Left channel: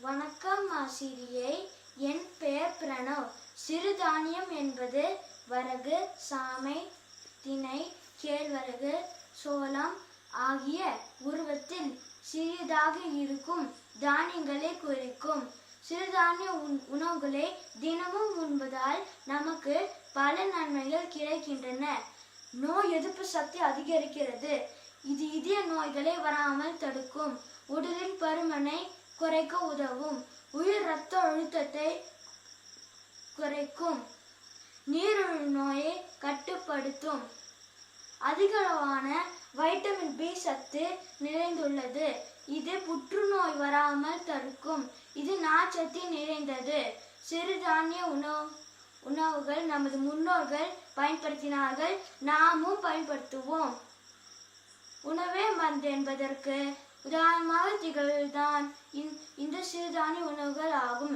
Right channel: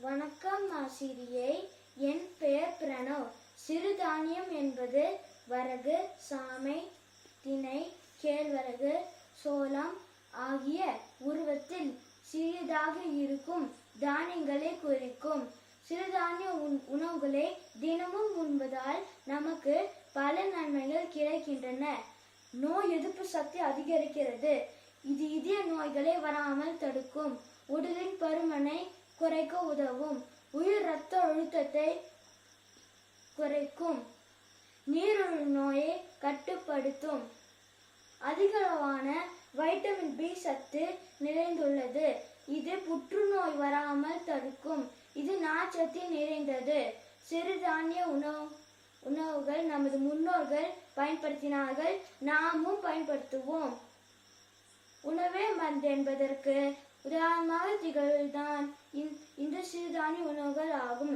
வணக்கம் ஆசிரியை. என் பெயர் பிரணவ். சிறுதானியம் என்பது வரகு, சாமை, திணை, கேழ்வரகு, சோளம் ஆகிய உருவத்தில் சிறியதாக இருக்கும் தானியங்களை குறிக்கும். சிறுதானிய உணவுகளை தினமும் உண்பதால் நமக்கு பல நன்மைகள் கிடைக்கின்றன. நோய் எதிர்ப்பு சக்தி அதிகரிக்கிறது. இது இதய நோய்களை வராமல் தடுக்கும். உடலின் பருமனை குறைக்க உதவும். உயர் இரத்த அழுத்தத்தை குறைக்கும். நீரிழிவு நோயை கட்டுப்படுத்தும். அதிகளவான வைட்டமின் பி சத்து நிறைந்துள்ளது. இது புற்றுநோய் வராமல் தடுக்கும். இது நார்ச்சத்து நிறைந்தது. சிறுதானிய உணவுகள் நமது முன்னோர்கள் பயன்படுத்தினார்கள், நாமும் பயன்படுத்துவோம். உணவே மருந்து என்பதற்கு உதாரணமாக திகழ்தான் இந்த சிறுதானிய உணவுகள் ஆகும்.